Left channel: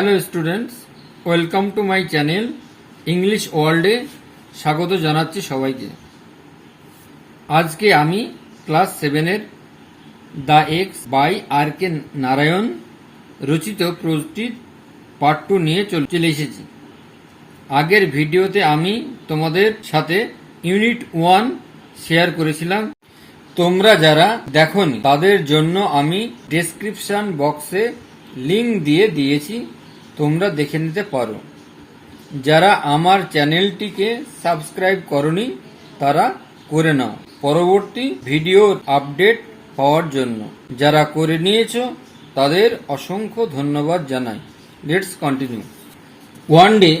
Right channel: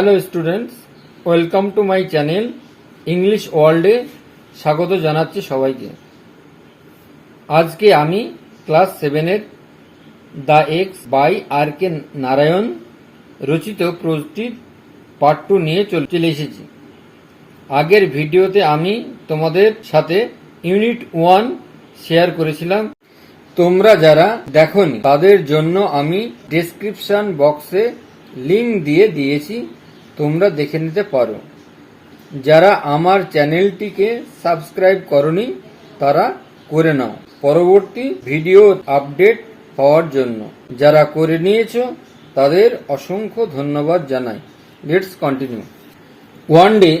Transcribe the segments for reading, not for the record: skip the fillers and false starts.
Hello students, welcome to my channel English ওয়ার্ল্ডে স্বাগত জানাচ্ছি সবাইকে। আজকে আমি ক্লাস 7-এর দ্য এক্স বাই আর কে নারায়ণ রচিত প্রোজটির পার্ট 2 নিয়ে চলে এসেছি। আগের ভিডিওতে আমি তোমাদের সাথে ইউনিট 1 শেয়ার করেছিলাম। তোমরা যারা দেখোনি তাদের জন্য আমি ডেসক্রিপশন বক্সে লিংক দিয়ে দিয়েছি, তোমরা দেখে নিতে পারো। যারা আমার চ্যানেলটিকে সাবস্ক্রাইব করনি তারা করে নাও পরবর্তী ভিডিও আপডেট পাওয়ার জন্য। যারা করে নিয়েছো তাদের অসংখ্য ধন্যবাদ জানাই। Let's continue. ওয়ান ডে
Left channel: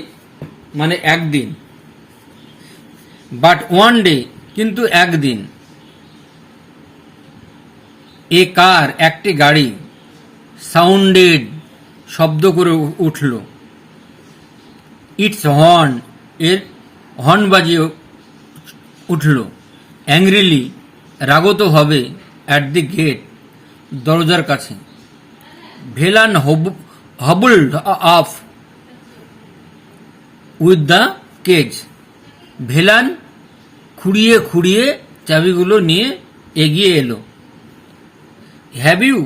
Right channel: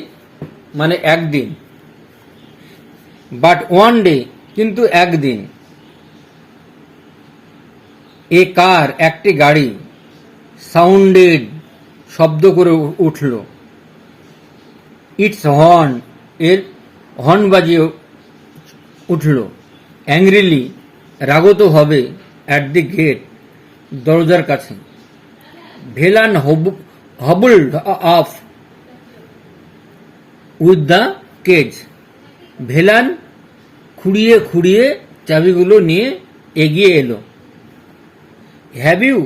মানে একদিন, বাট ওয়ান ডে কিন্তু একদিন। এ কার একটি গাড়ি, সাউন্ডেড শব্দ করে উঠল, ইটস হর্ন এর হর্ন বাজিয়ে উঠল, অ্যাংরিলি রাগত হবে, অ্যাট দি গেট দরজার কাছে, Velan hobbled up with the cage, Velan খুঁড়িয়ে খুঁড়িয়ে চাবিগুলো নিয়ে এগিয়ে এলো। হ্যাভ ইউ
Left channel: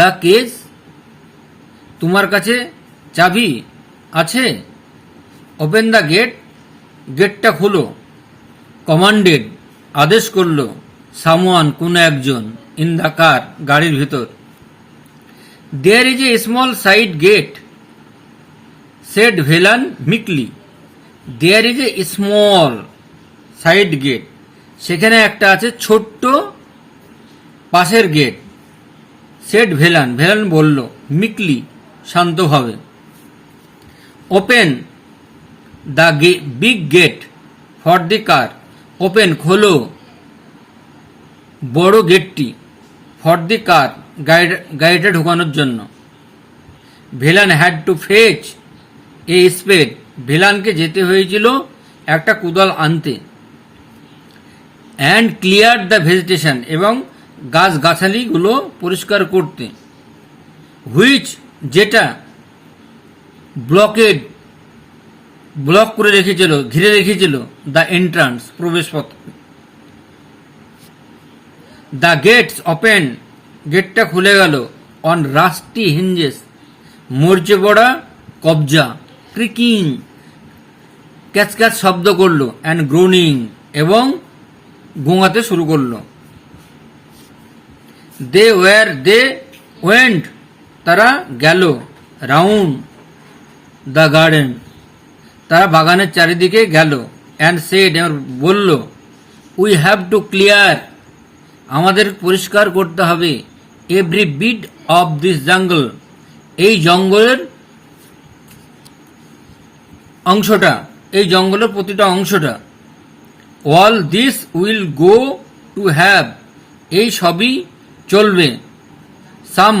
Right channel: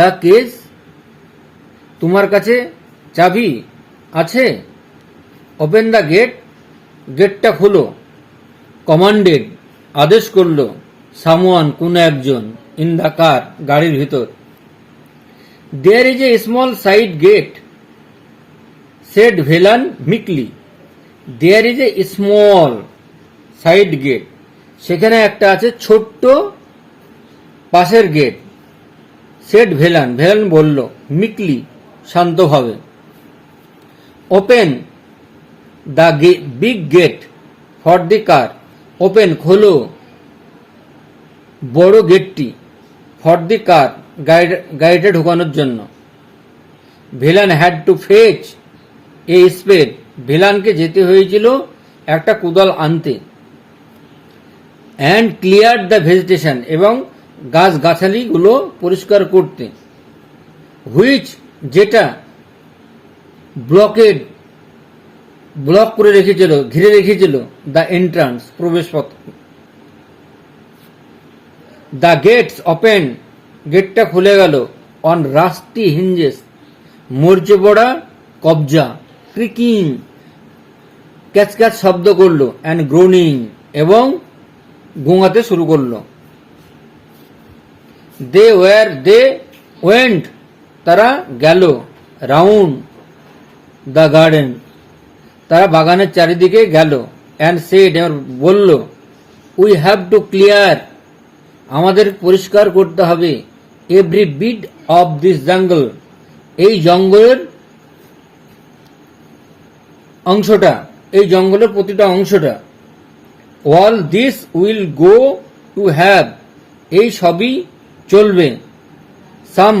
দ্য কেজ, তোমার কাছে চাবি আছে? ওপেন দ্য গেট, গেটটা খোলো। কমান্ডেড, আদেশ করলো, সামওয়ান কোন একজন, ইন দ্য কার গাড়ির ভেতর। There is a small side gate, said Velan meekly. There is a small side gate, সেখানে একটা আছে ছোট্ট পাশের গেট। সেড ভেলান, ভেলান বলল, মিকলি শান্তভাবে। Open the big gate for the car, open খোলো বড় গেটটি, ফর দি কার গাড়িটা ঢোকানোর জন্য। Velan had to fetch a spade, ভেলানকে যেতে হয়েছিল একটা কোদাল আনতে। অ্যান্ড ক্লিয়ার দ্য ভেজিটেশন, এবং গাছ গাছালিগুলো পরিষ্কার করতে। হুইচ যেটা ব্লক করে রেখেছিল, ঘিরে রেখেছিল, দ্য এন্ট্রান্স প্রবেশপথ। দ্য গেটস ওপেন, গেটটা খুলে গেল। অন রাস্টি হিঞ্জেস, মরচে পড়া কবজা। ক্রিকিং, ক্যাচ ক্যাচ শব্দ করলো। অ্যান্ড গ্রোনিং, এবং গোঙাতে শুরু করলো। দে ওয়েন্ট, তারা গেল। রাউন্ড দ্য গার্ডেন, তারা বাগানের চারিদিকে গেল। অ্যান্ড সেড, বলল, উই হ্যাভ টু ক্লিয়ার, আমাদের পরিষ্কার করতে হবে। এভরি বিট অফ দিস জঙ্গল, এই জঙ্গলের অংশটা, এই জঙ্গলের প্রতিটা অংশটা। All this will go to have, এই সবই চলবে। সাম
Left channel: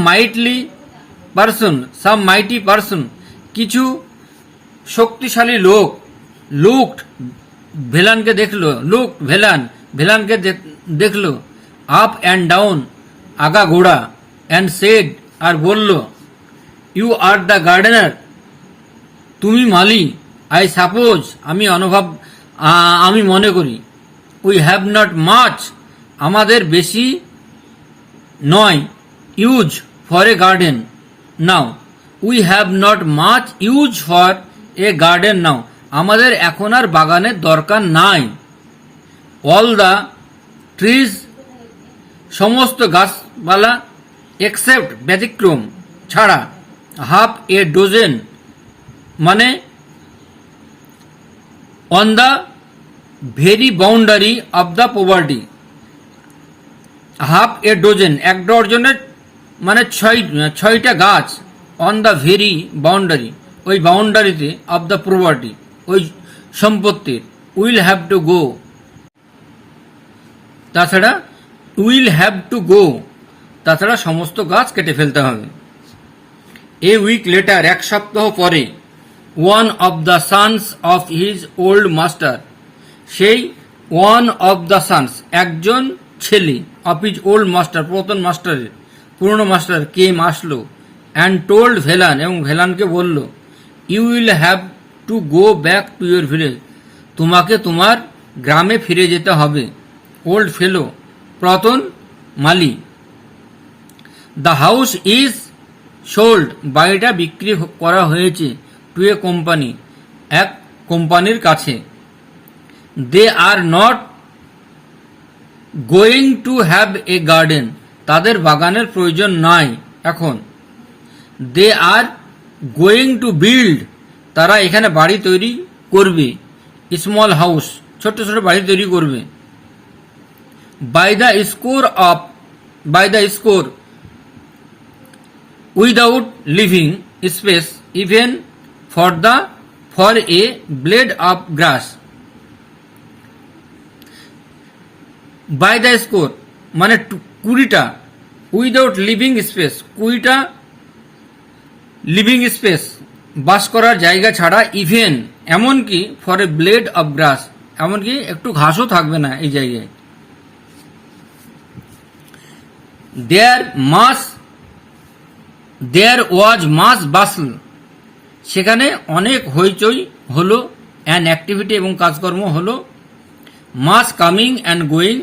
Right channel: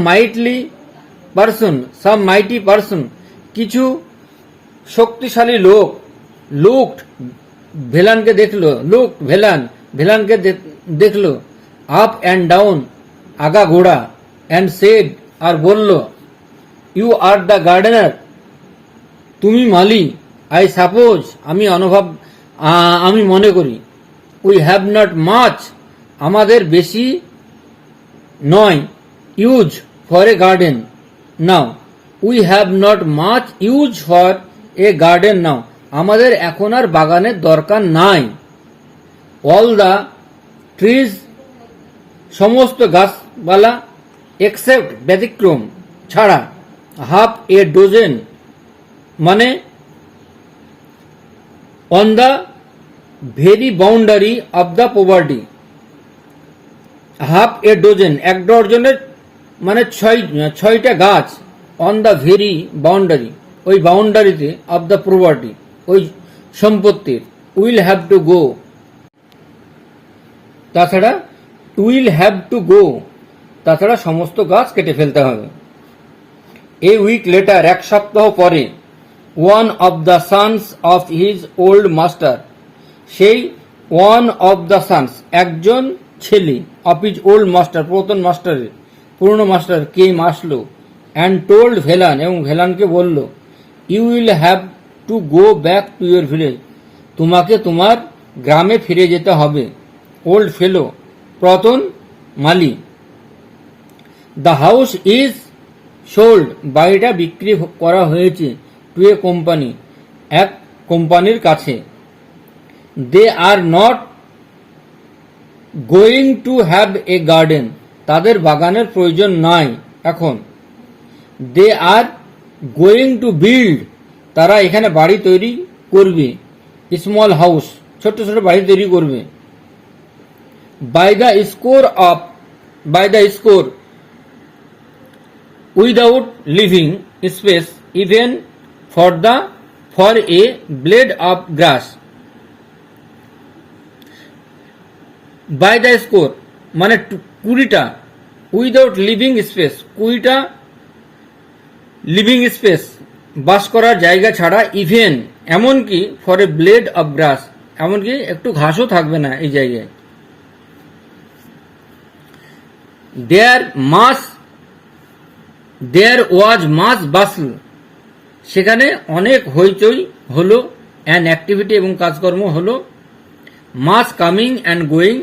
মাইটি পারসন, কিছু শক্তিশালী লোক। লুকড, ভেলানকে দেখলো। ভেলানকে দেখলো। আপ অ্যান্ড ডাউন, আগা ঘোড়া। অ্যান্ড সেড, আর বলল, ইউ আর দ্য গার্ডেনার, তুমি মালি। আই সাপোজ, আমি মনে করি। উই হ্যাভ নট মাচ, আমাদের বেশি নয়। Use for a garden now, we have not much use for a garden now, আমাদের এখন আর বাগানের দরকার নাই। অল দ্য ট্রিজ, সমস্ত গাছপালা। এক্সেপ্ট, ব্যতিক্রম ছাড়া। হাফ এ ডোজেন, মানে on the very boundary of the property. Half এ ডোজেন, এক ডজনের মানে ছয়টা গাছ। অন দ্য ভেরি বাউন্ডারি, ওই বাউন্ডারিতে, অব দ্য প্রপার্টি, ওই সম্পত্তির। উইল হ্যাভ টু গো, তাছাড়া উইল হ্যাভ টু গো, তাছাড়া সমস্ত গাছ কেটে ফেলতে হবে। এ উইক লেটার, এক সপ্তাহ পরে। One of the sons of his old master, সেই ওয়ান অব দ্য সানস, একজন ছেলে, অফ হিজ ওল্ড মাস্টার, পুরানো মাস্টার কেম আসলো, অ্যান্ড টোল্ড ভেলান, এবং ভেলানকে বলল, you will have to go back to your village, তোমাকে তোমার গ্রামে ফিরে যেতে হবে। ওল্ড ফেলো, পুরাতন মালি। দ্য হাউস ইজ সোল্ড, বাড়িটা বিক্রি করা হয়েছে। টু এ কোম্পানি, এক কোম্পানির কাছে। They are not going to have a garden, তাদের বাগানের প্রয়োজন নাই এখন। They are going to build, তারা এখানে বাড়ি তৈরি করবে। স্মল হাউস, ছোট্ট ছোট বাড়ি তৈরি করবে। By the score without living space even for a blade of grass. By the score মানে 20টা, উইদাউট লিভিং স্পেস 20টা লিভিং স্পেস বাস করার জায়গা ছাড়া, ইভেন এমনকি for a blade of grass, এমনকি একটু ঘাসও থাকবে না এই জায়গায়। দেয়ার ওয়াজ মাস বাসল, সেখানে অনেক হইচই হলো। অ্যান্ড অ্যাক্টিভিটি, এবং কাজকর্ম হলো। মাস কামিং অ্যান্ড গোয়িং,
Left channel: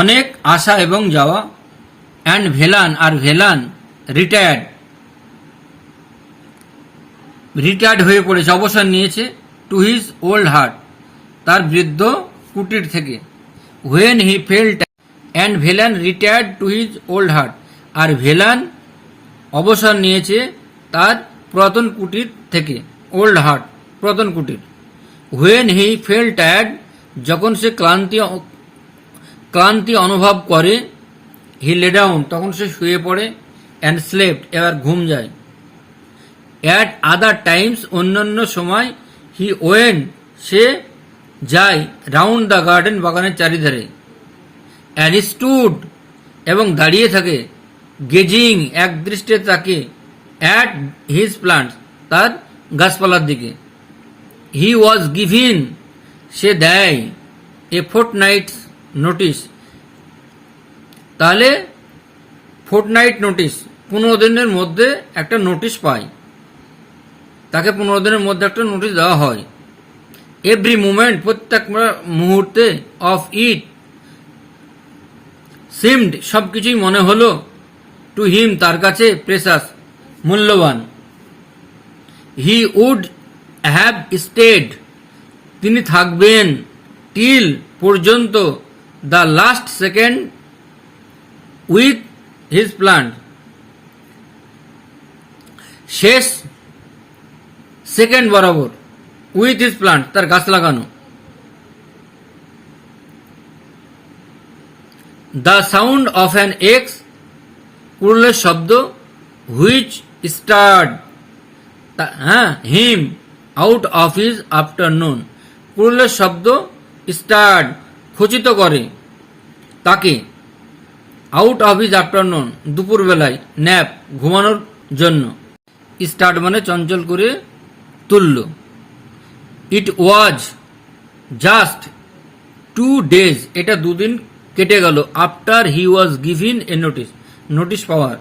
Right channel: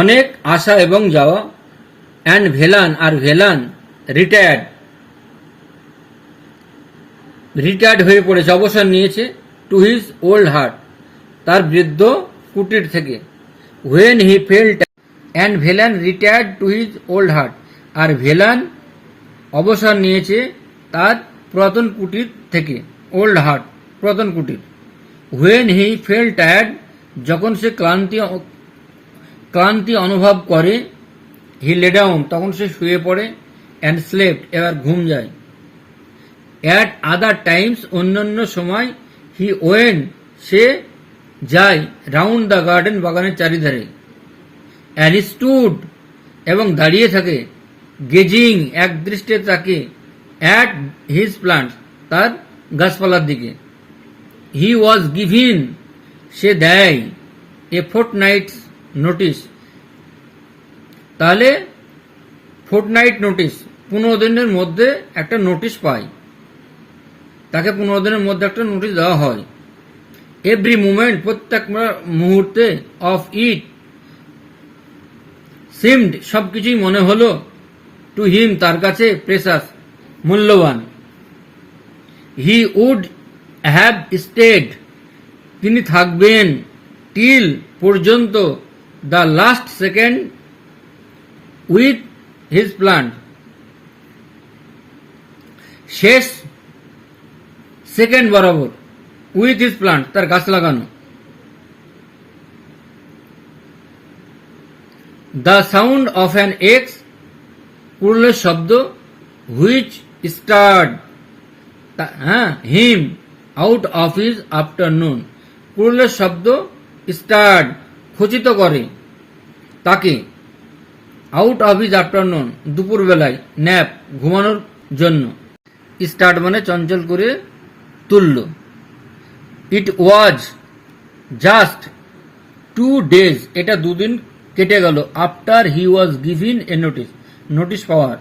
অনেক আসা এবং যাওয়া। অ্যান্ড ভেলান, আর ভেলান রিটায়ার্ড হয়ে পড়েছে, অবসর নিয়েছে। টু হিজ ওল্ড হার্ট, তার বৃদ্ধ কুটির থেকে। When he felt and Velan retired to his old heart, আর ভেলান অবসর নিয়েছে তার পুরাতন কুটির থেকে। ওল্ড হার্ট, পুরাতন কুটির। হোয়েন হি ফেল টায়ার্ড, যখন সে ক্লান্তি অনুভব করে। হি লে ডাউন, তখন সে শুয়ে পড়ে। অ্যান্ড স্লেপ্ট, এবার ঘুম যায়। অ্যাট আদার টাইমস, অন্যান্য সময়। হি ওয়েন্ট, সে যায়। রাউন্ড দ্য গার্ডেন, বাগানের চারিধারে। অ্যান্ড স্টুড, এবং দাঁড়িয়ে থাকে। গেজিং, এক দৃষ্টে তাকে। অ্যাট হিজ প্লান্ট, তার গাছপালার দিকে। হি ওয়াজ গিভিন, সে দেয়। এ ফোর্টনাইটস নোটিস, তাহলে ফোর্টনাইট নোটিস, 15 দিনের মধ্যে একটা নোটিশ পায়। তাকে 15 দিনের মধ্যে একটা নোটিশ দেওয়া হয়। এভরি মুমেন্ট, প্রত্যেক মুহূর্তে। অফ ইট সিমড, সবকিছুই মনে হলো। টু হিম, তার কাছে। প্রেসাস, মূল্যবান। হি উড হ্যাভ স্টেড, তিনি থাকবেন। টিল, পর্যন্ত। The last second with his plant, শেষ সেকেন্ড বরাবর। উইথ হিজ প্লান্ট, তার গাছ লাগানো। The sound of an axe, কুড়ুলের শব্দ। Which stirred, him out of his afternoon, কুড়ুলের শব্দ। স্টার্ড, খচিত করে তাকে। আউট অফ হিজ আফটারনুন, দুপুর বেলায়। ন্যাপ, ঘুমানোর জন্য। স্টার্ট মানে চঞ্চল করে তুলল। ইট ওয়াজ জাস্ট 2 days, এটা 2 দিন কেটে গেল। After he was given a notice, notice power.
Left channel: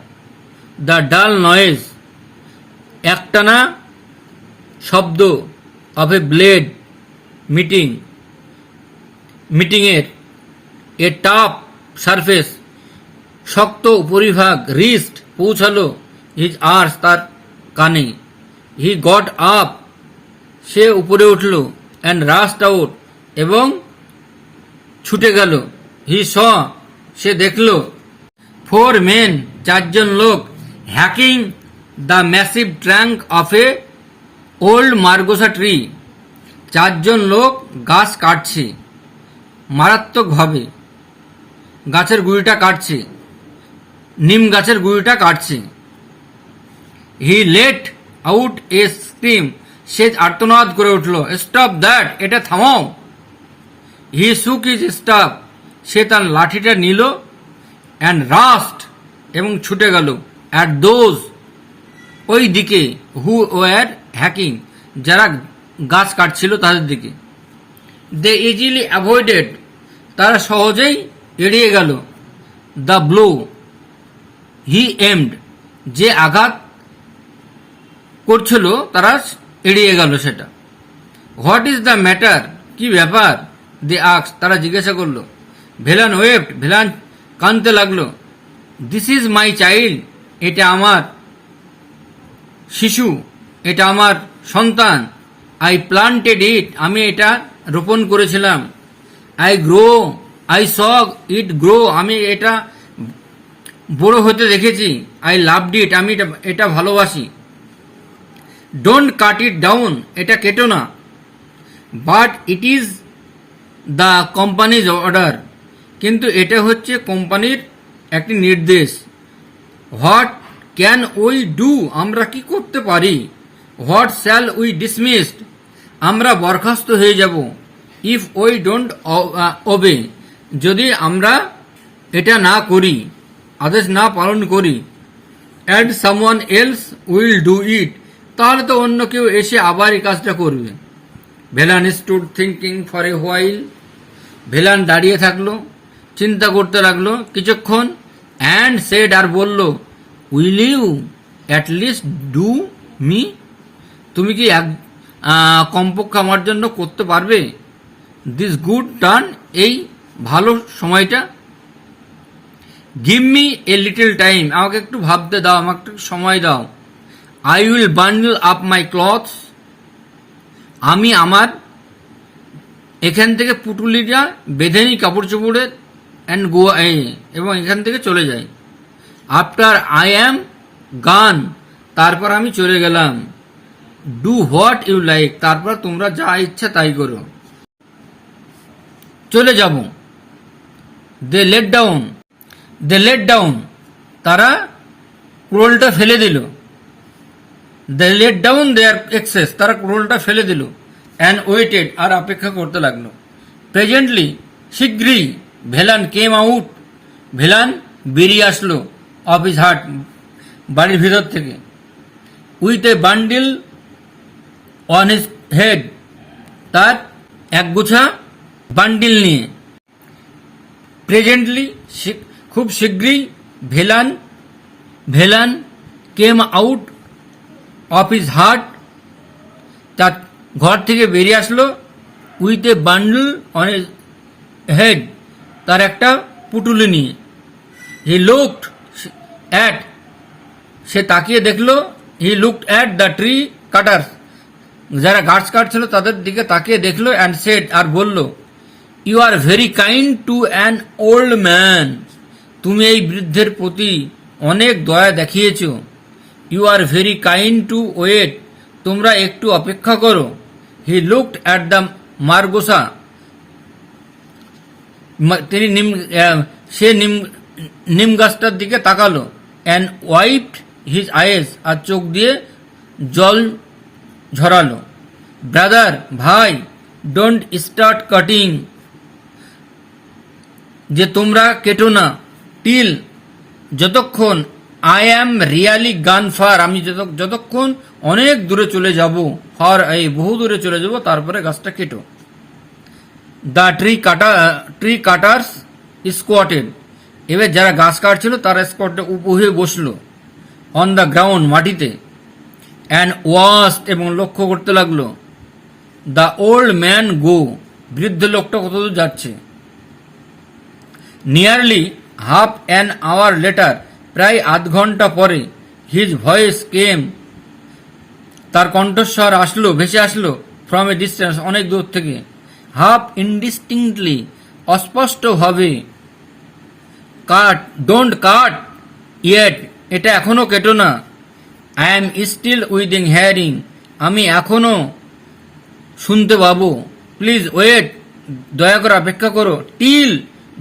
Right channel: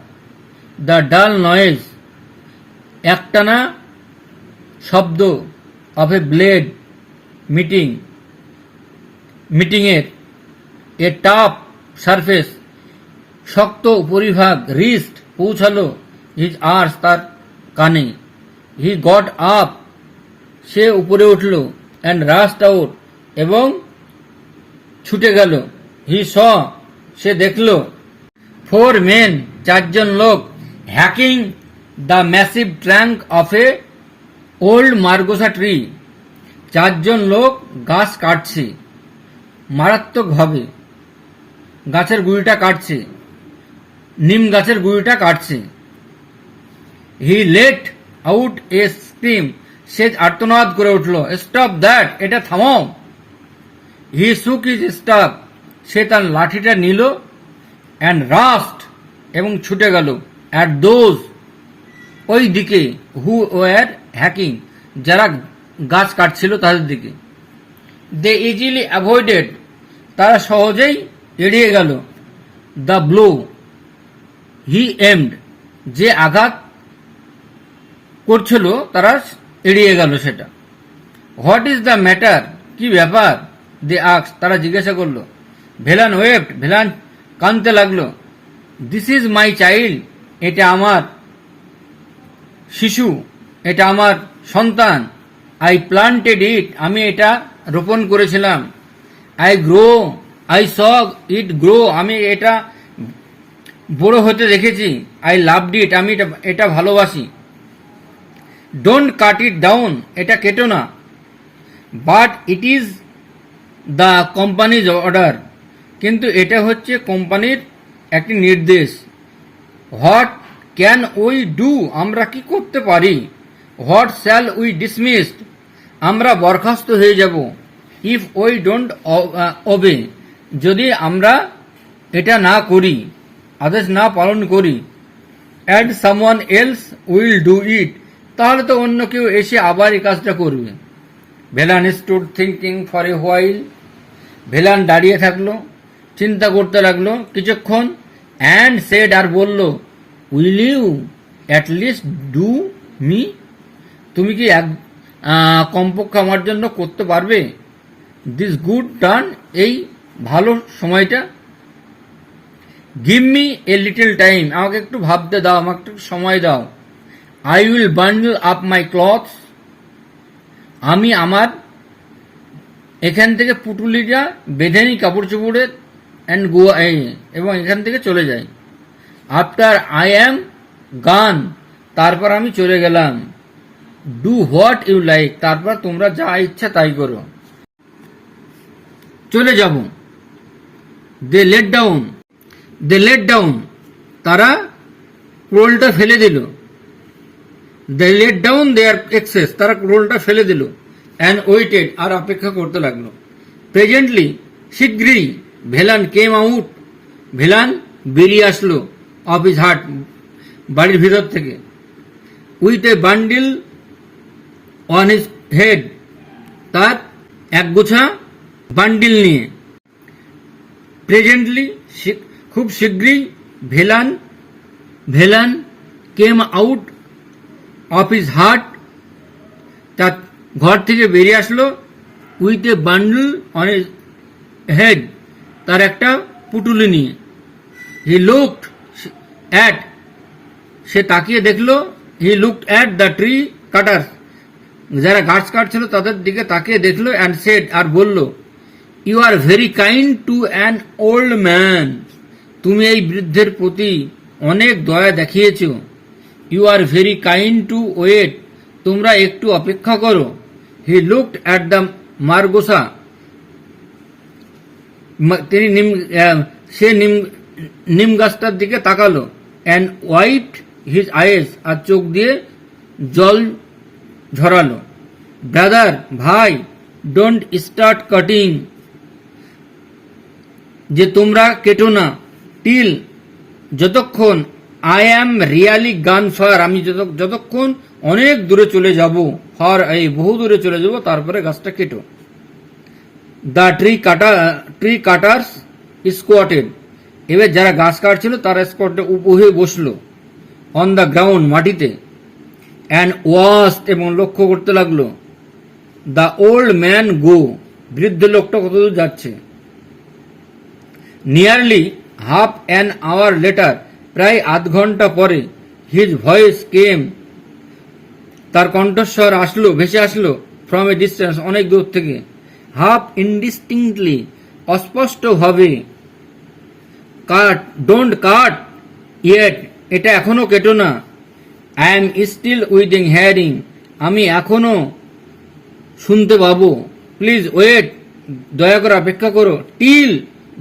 The ডাল নয়েজ, একটানা শব্দ। অফ এ ব্লেড, মিটিংয়ের। এ টাফ সারফেস, শক্ত উপরিভাগ। রিস্ট, পৌঁছালো। হিজ আর্স, তার কানে। হি গট আপ, সে উপরে উঠল। অ্যান্ড রাস্ট আউট, এবং ছুটে গেল। হি স, সে দেখল। 4 men, 4 জন লোক। Hacking the massive trunk of A old মার্গোসা tree, 4 জন লোক গাছ কাটছে মারাত্মকভাবে। গাছের গুঁড়িটা কাটছে, নিম গাছের গুঁড়িটা কাটছে। He let out a scream, সে আর্তনাদ করে উঠল। স্টপ দ্যাট, এটা থামাও। হি শুক হিজ স্টাফ, সে তার লাঠিটা নিল। অ্যান্ড রাস্ট, এবং ছুটে গেল। অ্যাট দোজ, ওই দিকে। হু ওয়ার হ্যাকিং, যারা গাছ কাটছিল তাদের দিকে। দে ইজিলি অ্যাভয়েডেড, তারা সহজেই এড়িয়ে গেল। দ্য ব্লো, হি এমড যে আঘাত করছিল তারা এড়িয়ে গেল সেটা। হোয়াট ইজ দ্য ম্যাটার, কি ব্যাপার? দে আস্ক, তারা জিজ্ঞাসা করলো। ভেলান ওয়েপ্ট, ভেলান কাঁদতে লাগলো। দিস ইজ মাই চাইল্ড, এটা আমার শিশু, এটা আমার সন্তান। আই প্লান্টেড ইট, আমি এটা রোপণ করেছিলাম। আই স ইট গ্রো, আমি এটা বড় হতে দেখেছি। আই লাভড ইট, আমি এটা ভালোবাসি। ডোন্ট কাট ইট ডাউন, এটা কেটো না। But it is the companies order, কিন্তু এটা হচ্ছে কোম্পানির একটি নির্দেশ। হোয়াট ক্যান উই ডু, আমরা কি করতে পারি? হোয়াট শ্যাল উই ডিসমিসড, আমরা বরখাস্ত হয়ে যাব। ইফ উই ডোন্ট ওবে, যদি আমরা এটা না করি, আদেশ না পালন করি। And someone else will do it, তাহলে তো অন্য কেউ এসে আবার এই কাজটা করবে। Velan stood thinking for a while, Velan দাঁড়িয়ে থাকলো, চিন্তা করতে লাগলো কিছুক্ষণ। অ্যান্ড সেড, আর বলল, will you at least do me, তুমি কি কমপক্ষে আমার জন্য করতে পারবে? দিস গুড টার্ন, এই ভালো সময়টা। Give me a little time, আমাকে একটু ভাবতে দাও, আমাকে একটু সময় দাও। I will bundle up my clothes, আমি আমার এখান থেকে পুটুলিটা বেঁধে নিই কাপড় চোপড়ে। অ্যান্ড গো, এবং এখান থেকে চলে যাই। আফটার আই অ্যাম গান, তারপর আমি চলে গেলাম। ডু হোয়াট ইউ লাইক, তারপর তোমরা যা ইচ্ছা তাই করো। চলে যাব। দে লেট ডাউন, তারা কুড়োলটা ফেলে দিল। They let down their axes, তারা কুড়োলটা ফেলে দিল। অ্যান্ড ওয়েটেড, আর অপেক্ষা করতে লাগলো। প্রেজেন্টলি, শীঘ্রই, ভেলান কেম আউট, ভেলান বেরিয়ে আসলো অফ হিজ হার্ট, বাড়ির ভিতর থেকে। With a bundle on his head, তার একগুছা বান্ডিল নিয়ে। প্রেজেন্টলি, খুব শীঘ্রই, Velan came out of his heart, তার ঘর থেকে বেরিয়ে আসলো। With a bundle on his head, তার একটা পুটুলি নিয়ে। হি লুকড অ্যাট, সে তাকিয়ে দেখলো। হি looked at the tree cutters, যারা গাছ কাটছিল তাদের দিকে তাকিয়ে দেখলো। অ্যান্ড সেড, আর বলল, you are very kind to an old man, তুমি এই বৃদ্ধের প্রতি অনেক দয়া দেখিয়েছ। You are very kind to wait, তোমরা একটু অপেক্ষা করো। He looked at the margosa, তিনি নিম গাছটার দিকে তাকালো। অ্যান্ড ওয়াইপড হিজ আইস, আর চোখ দিয়ে জল ঝরালো। ব্রাদার, ভাই, ডোন্ট স্টার্ট কাটিং, যে তোমরা কেটো না। টিল, যতক্ষণ। I am really gone far, আমি যতক্ষণ অনেক দূরে চলে যাব। ফার, এই বহু দূরে চলে যাব, তারপরে গাছটা কেটো। দ্য ট্রি কাটার্স স্কোয়াটেড, এবার যারা গাছ কাটছিল তারা স্কোয়াটে হয়ে বসলো। অন দ্য গ্রাউন্ড, মাটিতে। অ্যান্ড ওয়াস্ট, এবং লক্ষ্য করতে লাগলো। দ্য ওল্ড ম্যান গো, বৃদ্ধ লোকটা কতদূর যাচ্ছে। Nearly half an hour later, প্রায় আধ ঘন্টা পরে। হিজ ভয়েস কেম, তার কণ্ঠস্বর ভেসে আসলো। ফ্রম এ ডিস্টেন্স, অনেক দূর থেকে। হাফ ইনডিস্টিংক্টলি, অস্পষ্টভাবে। ডোন্ট কাট ইয়েট, এটা এখনো কেটো না। I am still within hearing, আমি এখনো শুনতে পাবো। প্লিজ ওয়েট, দয়া করে অপেক্ষা করো। টিল,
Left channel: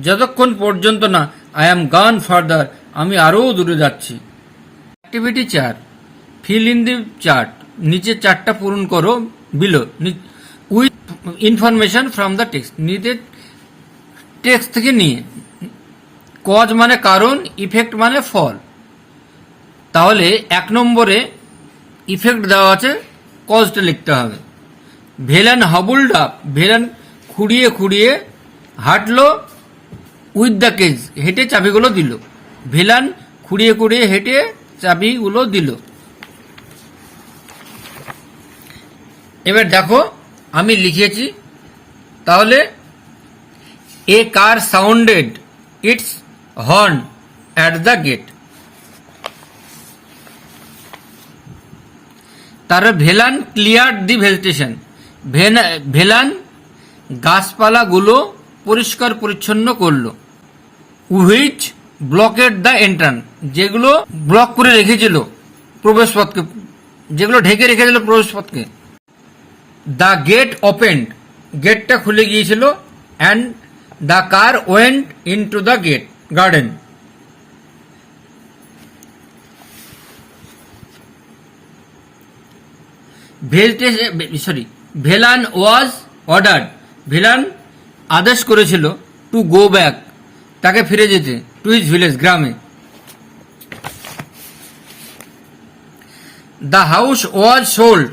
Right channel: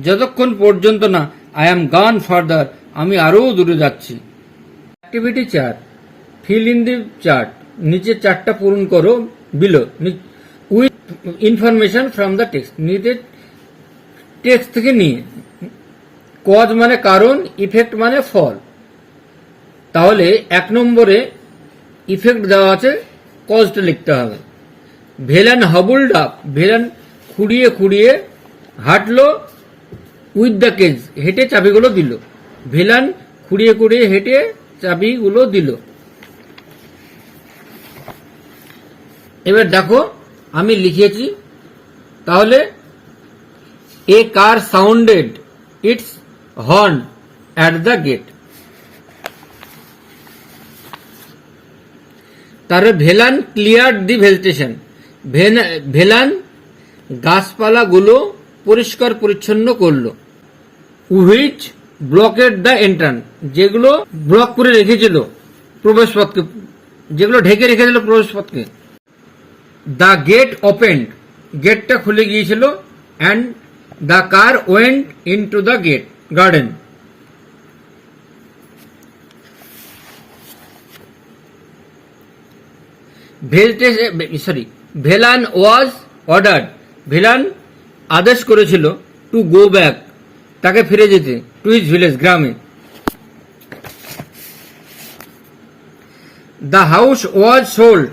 যতক্ষণ পর্যন্ত না। আই এম গান ফার্দার, আমি আরও দূরে যাচ্ছি। Activity 4, fill in the chart, নিচে চার্টটা পূরণ করো। Below, with information from the text, নিচে টেক্সট থেকে নিয়ে। কজ মানে কারণ, ইফেক্ট মানে ফল। তাহলে 1 নম্বরে ইফেক্ট দেওয়া আছে, কজটা লিখতে হবে। ভেলান হবলড আপ, ভেলান খুঁড়িয়ে খুঁড়িয়ে হাঁটলো। উইথ দ্য কেজ, হেঁটে চাবিগুলো দিল। ভেলান খুঁড়িয়ে খুঁড়িয়ে হেঁটে চাবিগুলো দিল। এবার দেখো আমি লিখেছি, তাহলে a car sounded its horn at the gate. তারপরে Velan clear the vegetation, Velan গাছপালাগুলো পরিষ্কার পরিচ্ছন্ন করলো। হুইচ ব্লকেড দ্য এন্ট্রান্স, যেগুলো ব্লক করে রেখেছিল প্রবেশপথকে, যেগুলো ঢেকে রেখেছিল প্রবেশপথকে। দ্য গেট ওপেন্ড, গেটটা খুলে গিয়েছিল। And the car went in to the gate garden. Velan was order, Velan আদেশ করেছিল টু গো ব্যাক, তাকে ফিরে যেতে, টু হিজ ভিলেজ, গ্রামে। দ্য হাউস ওয়াজ সোল্ড,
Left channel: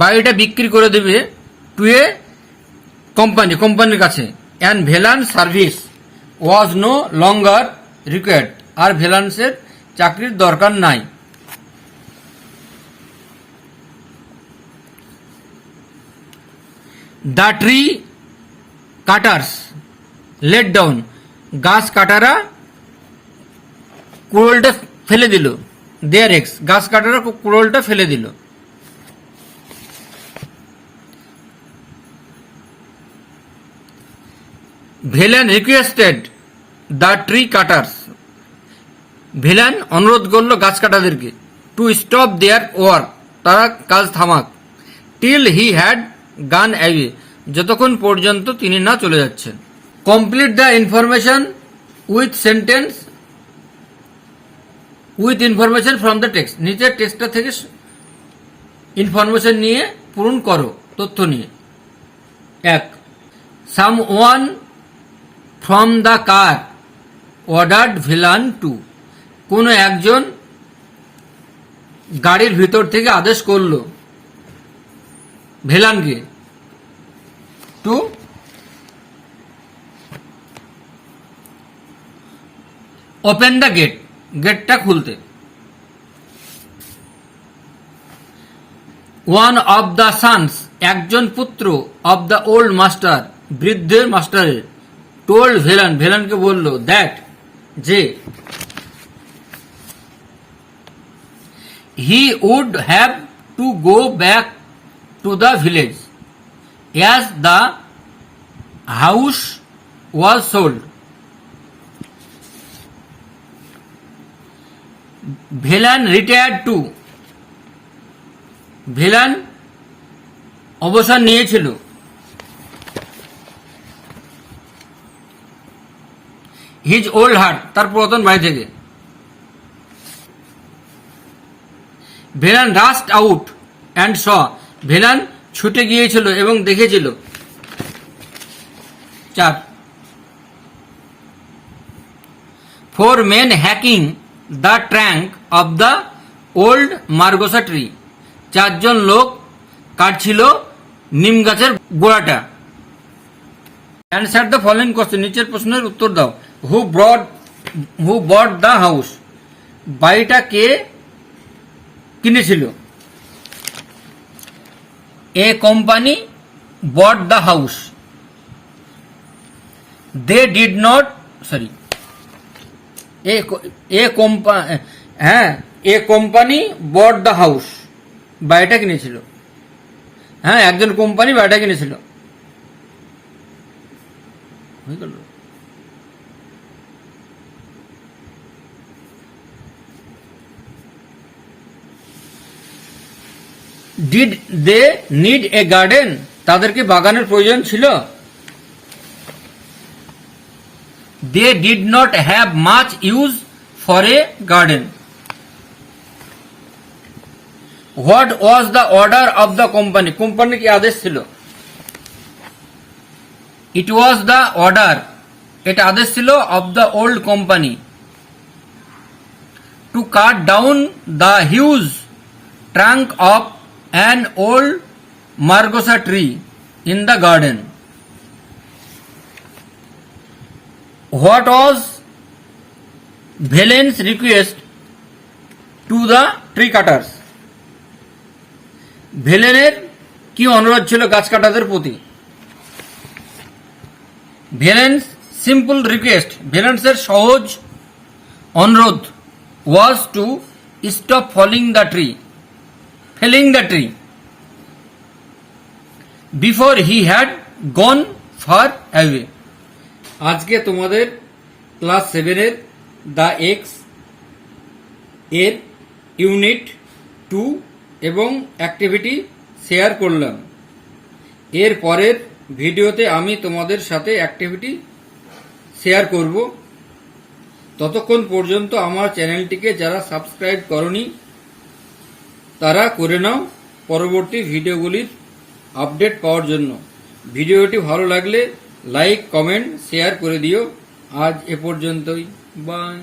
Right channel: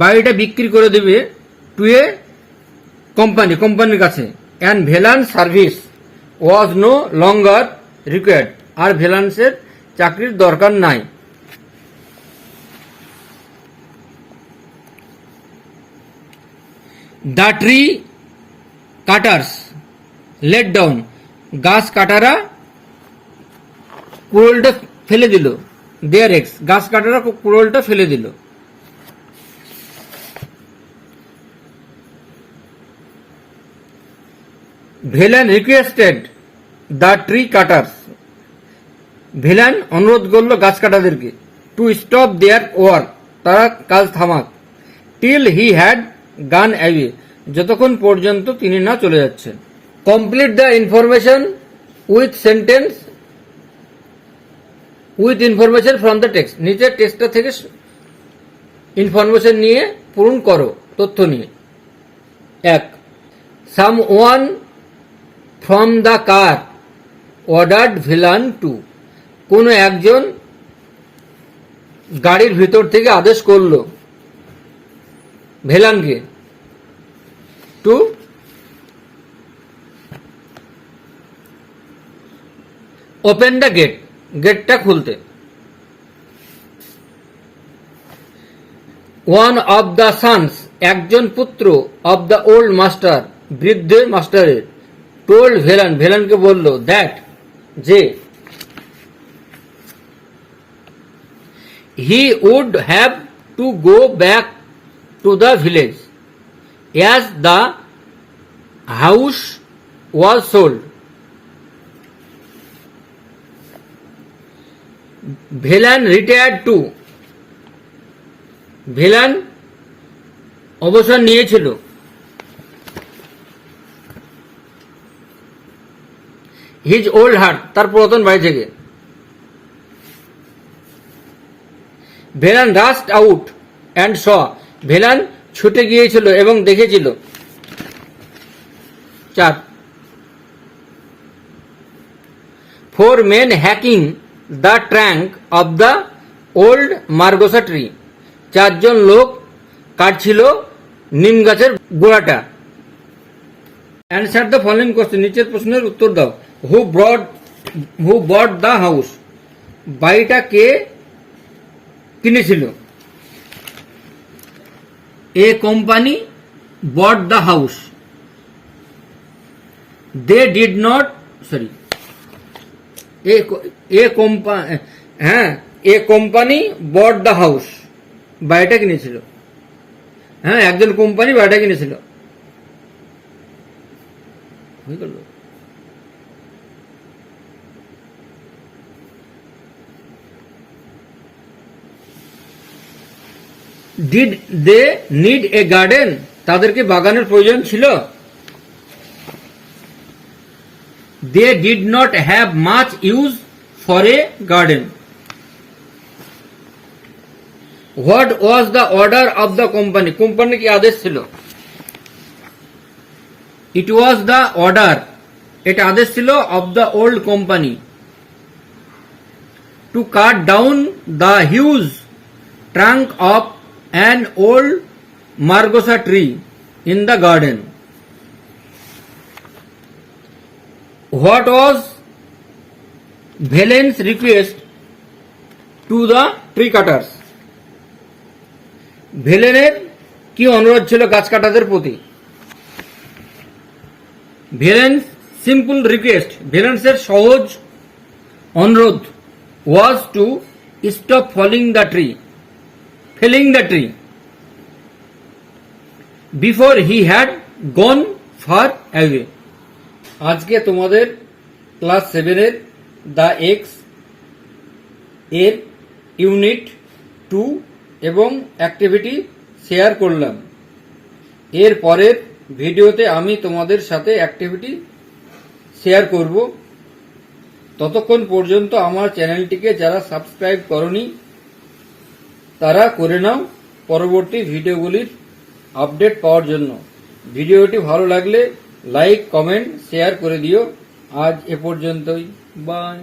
বাড়িটা বিক্রি করে দেবে, টু এ কোম্পানি, কোম্পানির কাছে। And Velan service was no longer required, আর ভেলান্সের চাকরির দরকার নাই। The tree cutters let down, গাছ কাটারা কুড়োলটা ফেলে দিল। দেয়ার এক্স, গাছ কাটারা কুড়োলটা ফেলে দিল। Velan requested the tree cutters, Velan অনুরোধ করলো গাছ কাটাদেরকে টু স্টপ দেয়ার ওয়ার্ক, তারা কাজ থামাক। Till he had gone away, যতক্ষণ পর্যন্ত তিনি না চলে যাচ্ছেন। Complete the information with sentence with information from the text, নিচের টেক্সটটা থেকে ইনফরমেশন নিয়ে পূরণ করো, তথ্য নিয়ে। 1. Some one from the car ordered Velan to, কোন একজন গাড়ির ভিতর থেকে আদেশ করলো ভেলানকে টু ওপেন দ্য গেট, গেটটা খুলতে। ওয়ান অফ দ্য সানস, একজন পুত্র, অফ দ্য ওল্ড মাস্টার, বৃদ্ধের মাস্টারের, টোল্ড ভেলান, ভেলানকে বলল, দ্যাট, যে, he would have to go back to the village as the house was sold. Velan retired to, Velan অবসর নিয়েছিল হিজ ওল্ড হার্ট, তার পুরাতন বাড়ি থেকে। Velan rushed out and saw, Velan ছুটে গিয়েছিল এবং দেখেছিল। 4. 4 men hacking the trunk of the old margosa tree, 4 জন লোক কাটছিল নিম গাছের গোড়াটা। অ্যান্সার দ্য ফলোইং কোশ্চেন, নিচের প্রশ্নের উত্তর দাও। হু বট দ্য হাউস, বাড়িটা কে কিনেছিল? A company bought the house. They did not, sorry, a company bought the house, বাড়িটা কিনেছিল। হ্যাঁ, একজন কোম্পানি বাড়িটা কিনেছিল। Did they need a garden, তাদেরকে বাগানের প্রয়োজন ছিল? They did not have much use for a garden. What was the order of the company, কোম্পানির কি আদেশ ছিল? ইট ওয়াজ দ্য অর্ডার, এটা আদেশ ছিল, of the old company two cut down the huge trunk of an old margosa tree in the garden. What was Velan's request to the tree cutters. ভেলেনের কি অনুরোধ ছিল গাছ কাটাদের প্রতি? ভেলেন্স সিম্পল রিকোয়েস্ট, ভেলেন্সের সহজ অনুরোধ was to stop felling the tree before he had gone far away। আজকে তোমাদের ক্লাস 7 এর দ্য এক্স এর ইউনিট 2 এবং অ্যাক্টিভিটি শেয়ার করলাম। এর পরের ভিডিওতে আমি তোমাদের সাথে অ্যাক্টিভিটি শেয়ার করব। ততক্ষণ পর্যন্ত আমার চ্যানেলটিকে যারা সাবস্ক্রাইব করনি তারা করে নাও পরবর্তী ভিডিওগুলির আপডেট পাওয়ার জন্য। ভিডিওটি ভালো লাগলে লাইক, কমেন্ট, শেয়ার করে দিও। আজ এ পর্যন্তই, বাই।